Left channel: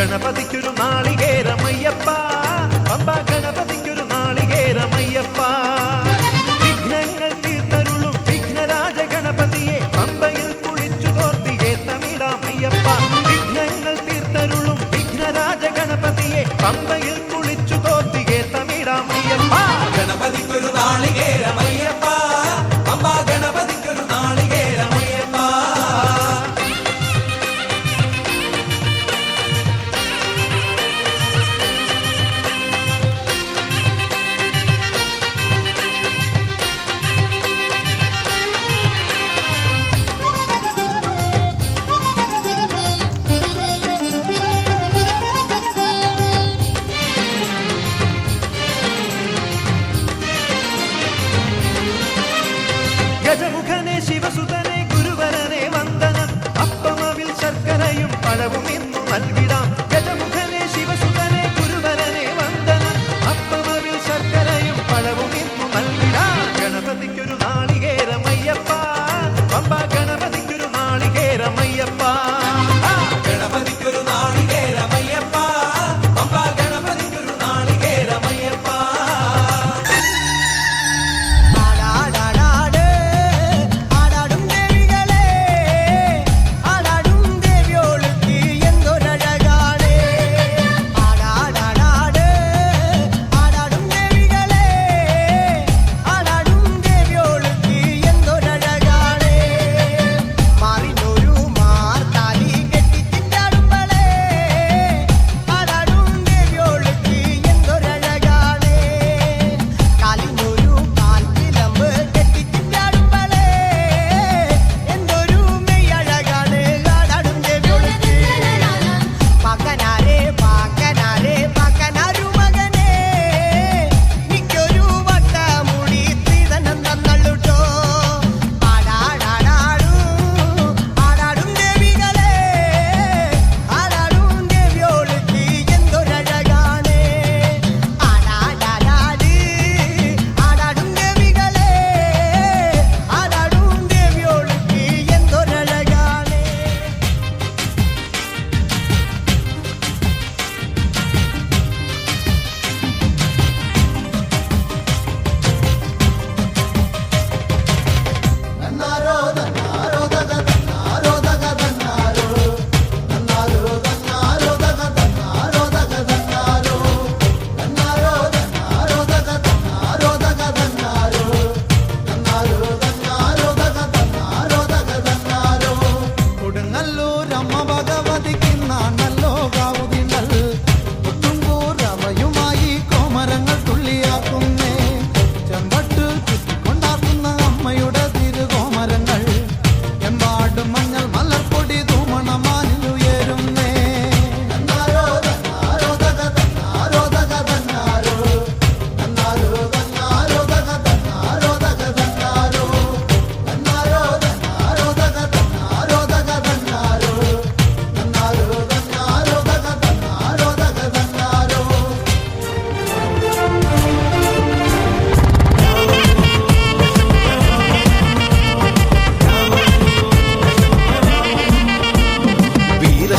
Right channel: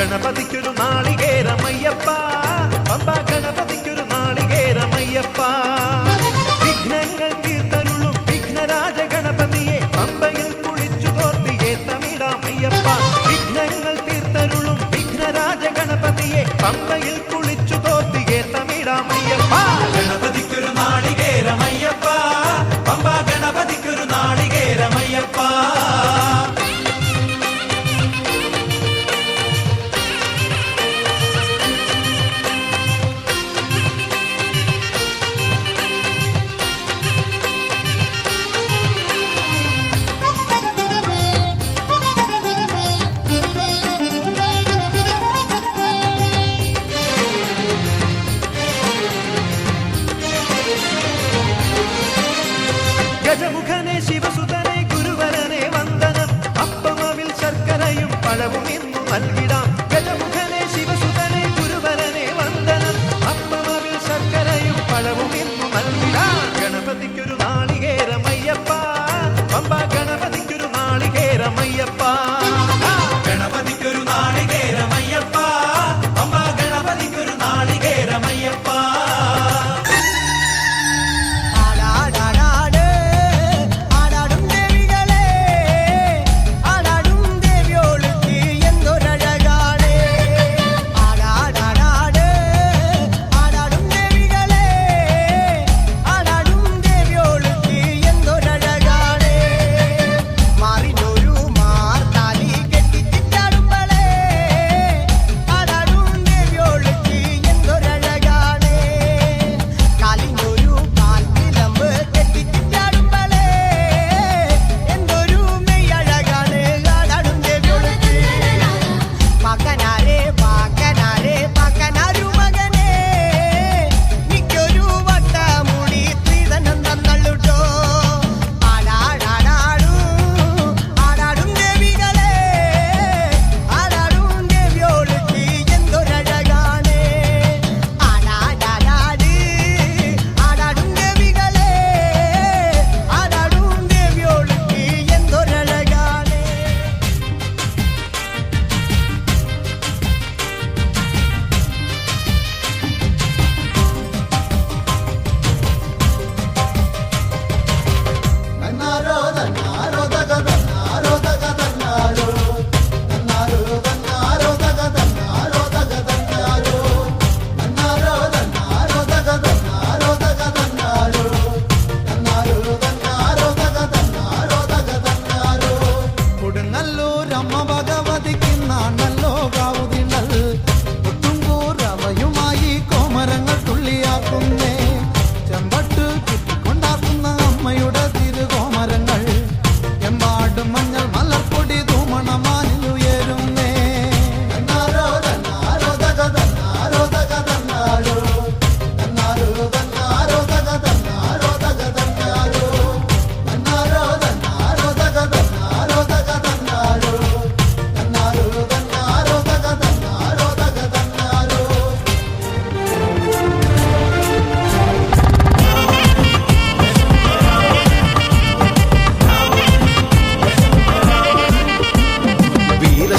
ഗണപതിക്കൊരു നാളികേരമയ്യപ്പ, പമ്പ ഗണപതിക്കൊരു നാളികേരമയ്യപ്പ. വിഘ്നങ്ങൾ തീർത്തരുളും വിഘ്നരാജ ഗണപതിയെ പമ്പയിൽ കുളിച്ചു തോർത്തിയെ തമിഴാമയ്യപ്പ. വിഘ്നങ്ങൾ തീർത്തരുളും വിഘ്നരാജ ഗണപതിയെ പമ്പയിൽ കുളിച്ചു തോർത്തിയെ തമിഴാമയ്യപ്പ. ഗണപതിക്കൊരു നാളികേരമയ്യപ്പ, പമ്പ ഗണപതിക്കൊരു നാളികേരമയ്യപ്പ. ഗജമുഖനെ ശിവസുതനെ ഗുരുവരനെ വന്ദനം, അപ്പമവിൽ ശർക്കരയും പഴവും ഇന്നു നൽകിടാം. ഗജമുഖനെ ശിവസുതനെ ഗുരുവരനെ വന്ദനം, അപ്പമവിൽ ശർക്കരയും പഴവും ഇന്നു നൽകിടാം. ഗണപതിക്കൊരു നാളികേരമയ്യപ്പ, പമ്പ ഗണപതിക്കൊരു നാളികേരമയ്യപ്പ. ഗണപതിക്കൊരു നാളികേരമയ്യപ്പ, പമ്പ ഗണപതിക്കൊരു നാളികേരമയ്യപ്പ.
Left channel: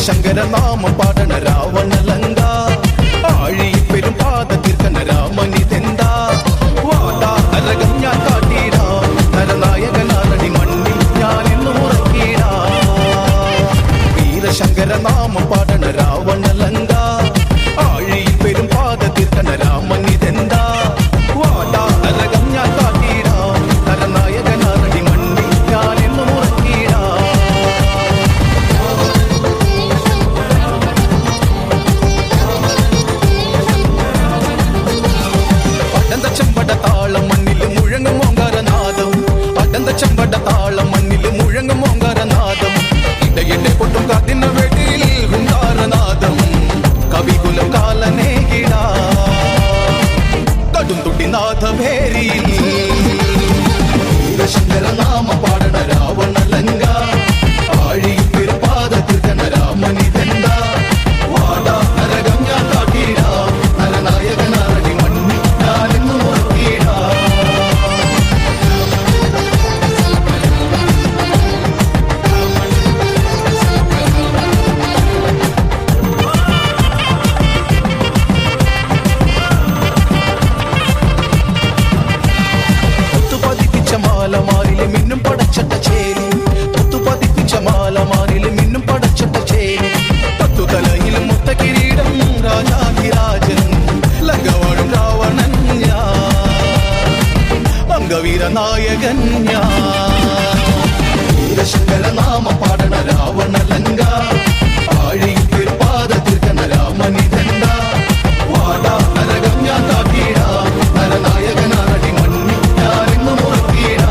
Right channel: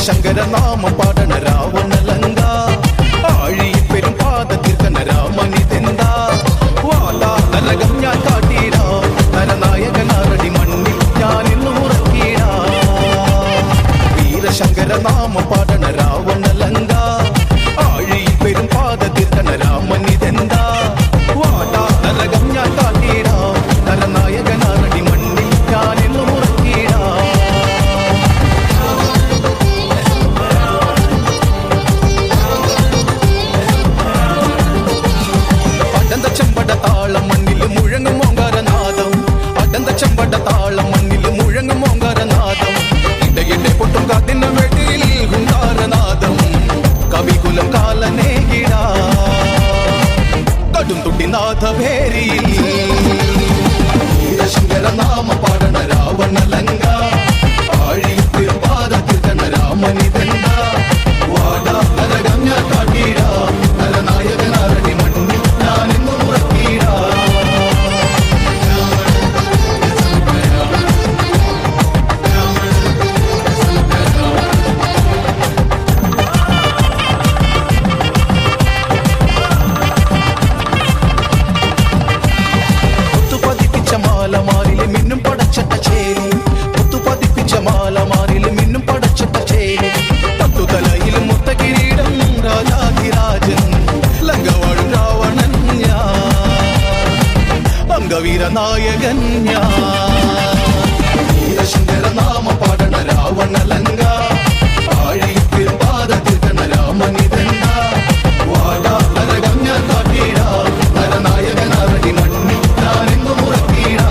ശങ്കരനാമം പാടണ രാവണലങ്ക, ആഴി പെരും പാത തീർക്കണ രാമനിതെന്താ. വാതാ നരകം ഞാൻ കാട്ടിടാം, നരനായകനാരടി മണ്ണിൽ ഞാൻ എന്നും ഉറക്കിടാം. വീരശങ്കരനാമം പാടണ രാവണലങ്ക, ആഴി പെരും പാത തീർക്കണ രാമനിതെന്താ. വാതാ നരകം ഞാൻ കാട്ടിടാം, നരനായകനാരടി മണ്ണിൽ ഞാൻ എന്നും ഉറക്കിടാം. ചെമ്പട താളം മണ്ണിൽ മുഴങ്ങും ഓങ്കാരനാദം, അടന്ത ചെമ്പട താളം മണ്ണിൽ മുഴങ്ങും ഓങ്കാരനാദം. ഇടയിടെ പൊട്ടും കാത്തിന വെടിയിൽ ഹുങ്കാരനാദം, കവികുലം കാലനേകിട കടും തുട്ടിനാഥ ഭേരിയിൽ. ശങ്കരനാമം പാടണ രാവണലങ്ക, ആഴി പെരുപാത തീർക്കണ രാമനിതെന്ത. വാടാ നരകം ഞാൻ കാട്ടിടാം, നരനായകനാരടി മണ്ണിൽ ഞാനിന്നു ഉറക്കിടാം. പടച്ചട്ട ചേരി മുത്തു പതിപ്പിച്ച മാലമാരിൽ മിന്നും പടച്ചട്ട ചേരി പത്തു തലയിലും മുത്ത കിരീടം രാജാധിരാജൻ ലങ്കവാഴും രാവണൻ ഞാൻ അംഗവീര നായകൻ ഞാൻ വീരശങ്കര നാമം പാടണ രാവണ ലങ്ക ആഴിയിൽ പെരുമ്പാദത്തിൽ കന്ന രാമനിതണ്ട വാടാ നരകം ഞാൻ താക്കീടാ നരനായകനാരടി മണ്ണിൽ ഞാനിന്നു മുറക്കീടാ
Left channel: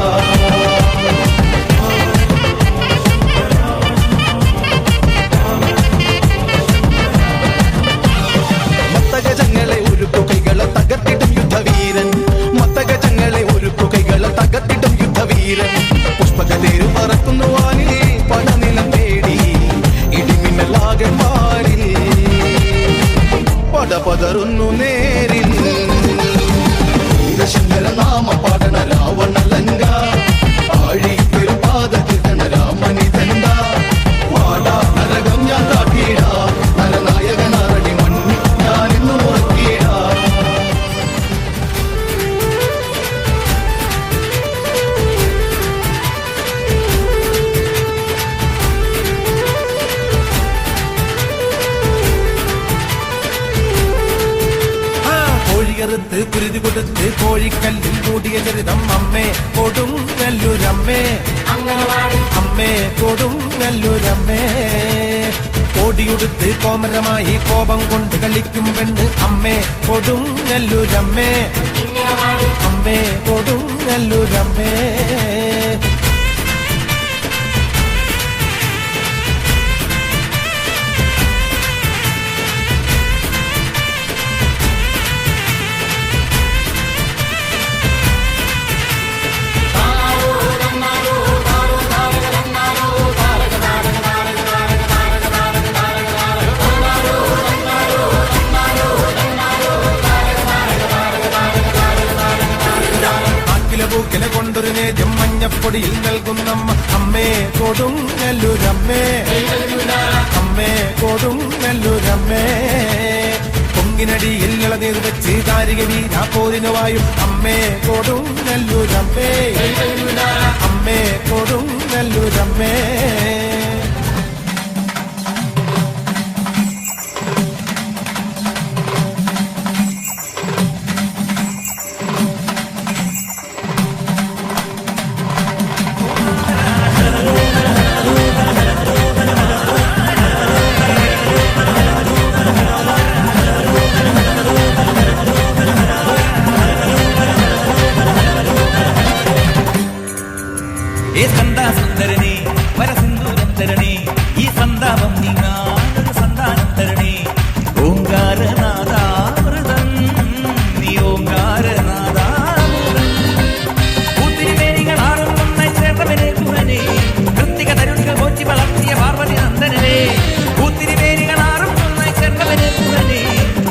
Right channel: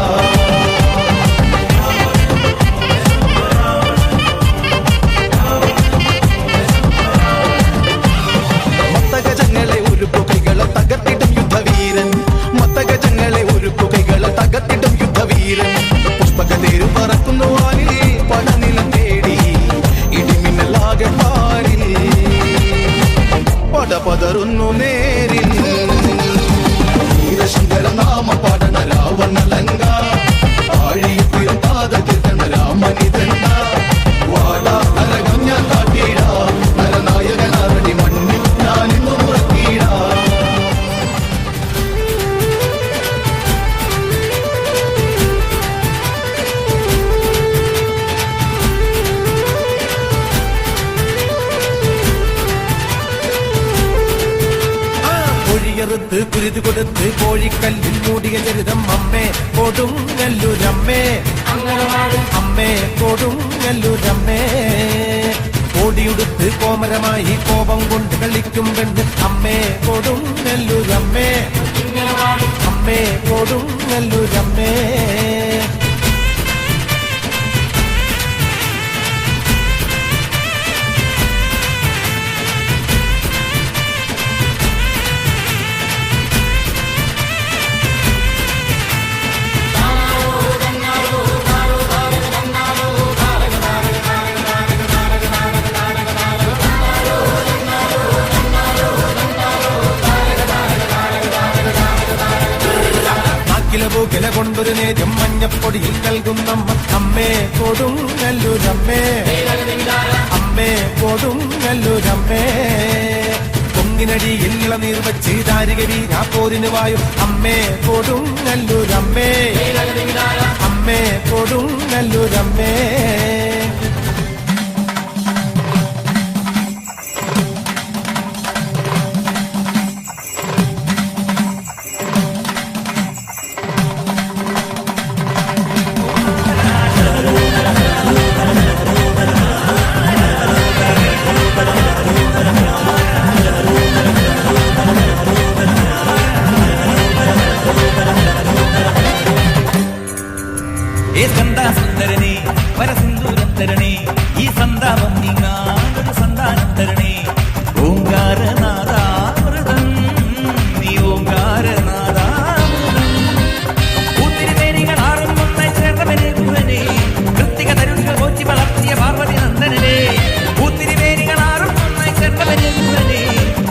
മത്തഗജങ്ങളെ ഒരുക്കു കൈകളെ തകർത്തിടും യുദ്ധവീരൻ മത്തഗജങ്ങളെ ഒരുക്കു കൈകളെ തകർത്തിടും യുദ്ധവീരൻ പുഷ്പകതേരു പറക്കുന്നു വാനിൽ പടനിലം തേടി ഇടിമിന്നലാകെ പാരിൽ പടപതറുന്നു നേരിൽ വീരശങ്കര നാമം പാടണ രാവണ ലങ്ക ആഴിയിൽ പെരുമ്പാദത്തിൽ കന്ന രാമനിതണ്ട വാടാ നരകം ഞാൻ താക്കീടാ നരനായകനാരടി മണ്ണിൽ ഞാനിന്നു മുറക്കീടാ കോഴികറുത്ത് കുരുതി കൊടുത്ത് കോഴിക്കല്ലിൽ കൂടിയ ദുരിതം അമ്മേ കൊടും നെല്ലുരമ്മേ അങ്കനവാടിൽ അമ്മേ കൊടും നെല്ലുരമ്മേ കോടിയുടുത്ത് കോമലമായി കോപം കൊണ്ട് കളിക്കും കണ്ട് അമ്മേ കൊടും നെല്ലുരമ്മേ അങ്കനവാടിൽ അമ്മേ കൊടും നെല്ലുരമ്മേ മഞ്ഞപ്പൊടിയിൽ നൽകുന്നമ്മ അമ്മേ കൊടും നെല്ലുരമ്മേ അമ്മേ കൊടും നെല്ലുരമ്മേ കുന്നിനടിയിൽ ഇളനീർ വെച്ച് ദാരികി വീരാപ്പോതിനുമായും അമ്മേ കൊടും നെല്ലുരമ്മേ അമ്മേ കൊടും നെല്ലുരമ്മേ ഏ സ്കന്ദ സുന്ദരനെ വരസിന്ദൂരം തരണേ ഈ സന്താപം നീങ്ങാനൊരു സന്താനം തരണേ ഓങ്കാരനാദാമൃതം നീ ഓങ്കാരനാദാമൃതം പൂത്തിരിമേനികൾ ആറും ഒന്നായി ചേർന്നവനെ ഗുഹനെ കൃത്തിക തരുണികൾ കോച്ചി വളർത്തിയ പാർവതി നന്ദനനെ പൂത്തിരിമേനികൾ ആറും ഒന്നായി ചേർന്നവനെ ഗുഹനെ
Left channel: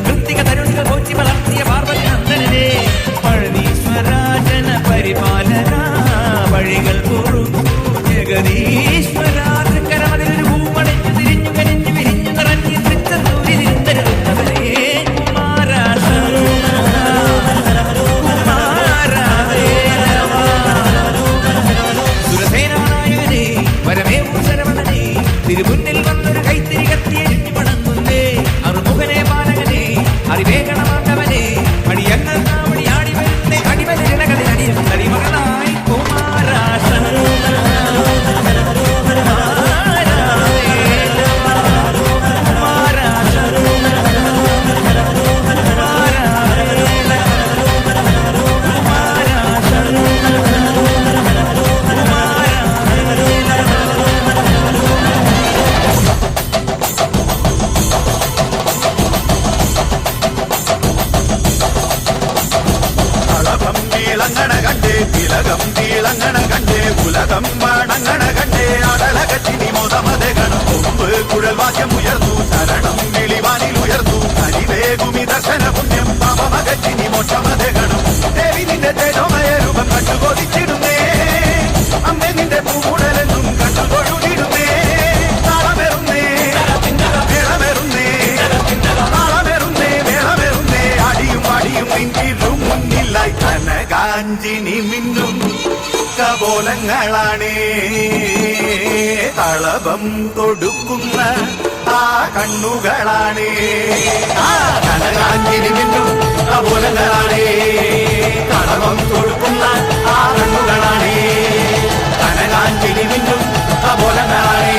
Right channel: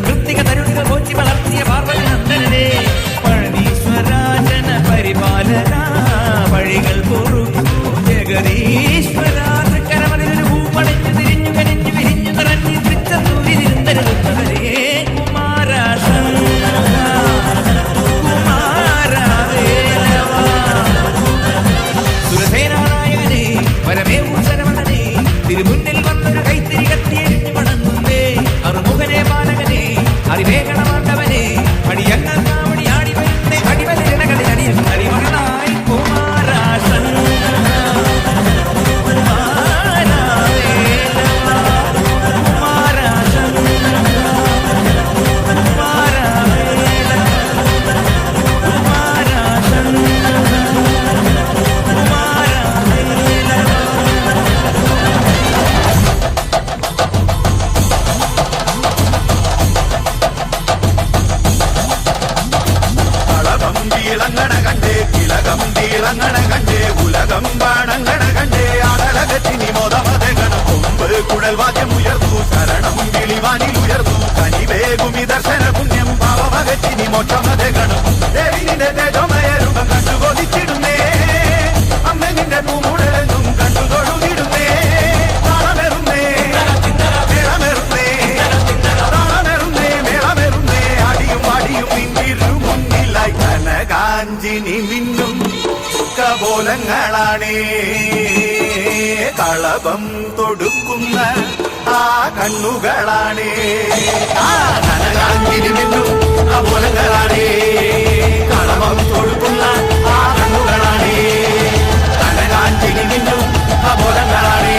കൃത്തിക തരുണികൾ കോച്ചി വളർത്തിയ പാർവതി നന്ദനനെ പഴനീശ്വരാജന പരിപാലന വഴികൾ പൊറുക്കൂ ജഗദീശ്വര തൃക്കരമതിലൊരു ഭൂപടഞ്ഞു തിരിഞ്ഞു കനിഞ്ഞു വിരിഞ്ഞു നിറഞ്ഞു തൃച്ചൂരിരുന്നരുന്നവരെ സുരസേനാനായകനെ വരമേ ശരവണനെ തിരുമുന്നിൽ വന്നൊരു കൈത്തിരി കത്തിയെരിഞ്ഞു വണങ്ങുന്നേ അറുമുഖനെ പാലകനെ അറിവേഗണമാണ്ടവനെ അടിയങ്ങൾ കാവടി ആടി വരുന്നേ അടിവലിരണകളിൽ അടിയും അടിമകളായി കുമാരാശൻ തിലകം തീളങ്ങണ കണ്ടേ ഉലകം പാടങ്ങണ കണ്ടേ അടലകത്തിനി മൊതമതെ ഗണം കൊമ്പ് കുഴൽ വാദ്യം ഉയർന്നു ശരണം വിളിവാനിൽ ഉയർന്നു കനിവേഗുമി ദർശന പുണ്യം പാപമകത്തിനി മോക്ഷമതെ ഗണം ദേവിനിന്റെ തേജോമയ രൂപം കണ്ടു കൊതിച്ചിടുന്നേ അമ്മ നിന്റെ പൂടലെന്നും കണ്ടു തൊഴുതിടുന്നേ താളമെറുന്നേ മേളമെറുന്നേ താളമെറുന്നേ മേളമെറുന്നേ അടിയും പാടിയും പിന്നിലും മുന്നിലായി കനകാഞ്ചിനി മിന്നും ചുക്കബോലങ്ങളാണേ കണ്ണുകളാണ് കനകാഞ്ചിരി മിന്നും കപോലങ്ങളാണ് കളവം തൊടുക്കുന്ന ആ കണ്ണുകളാണ് കനകാഞ്ചിരി മിന്നും കപോലങ്ങളാണ്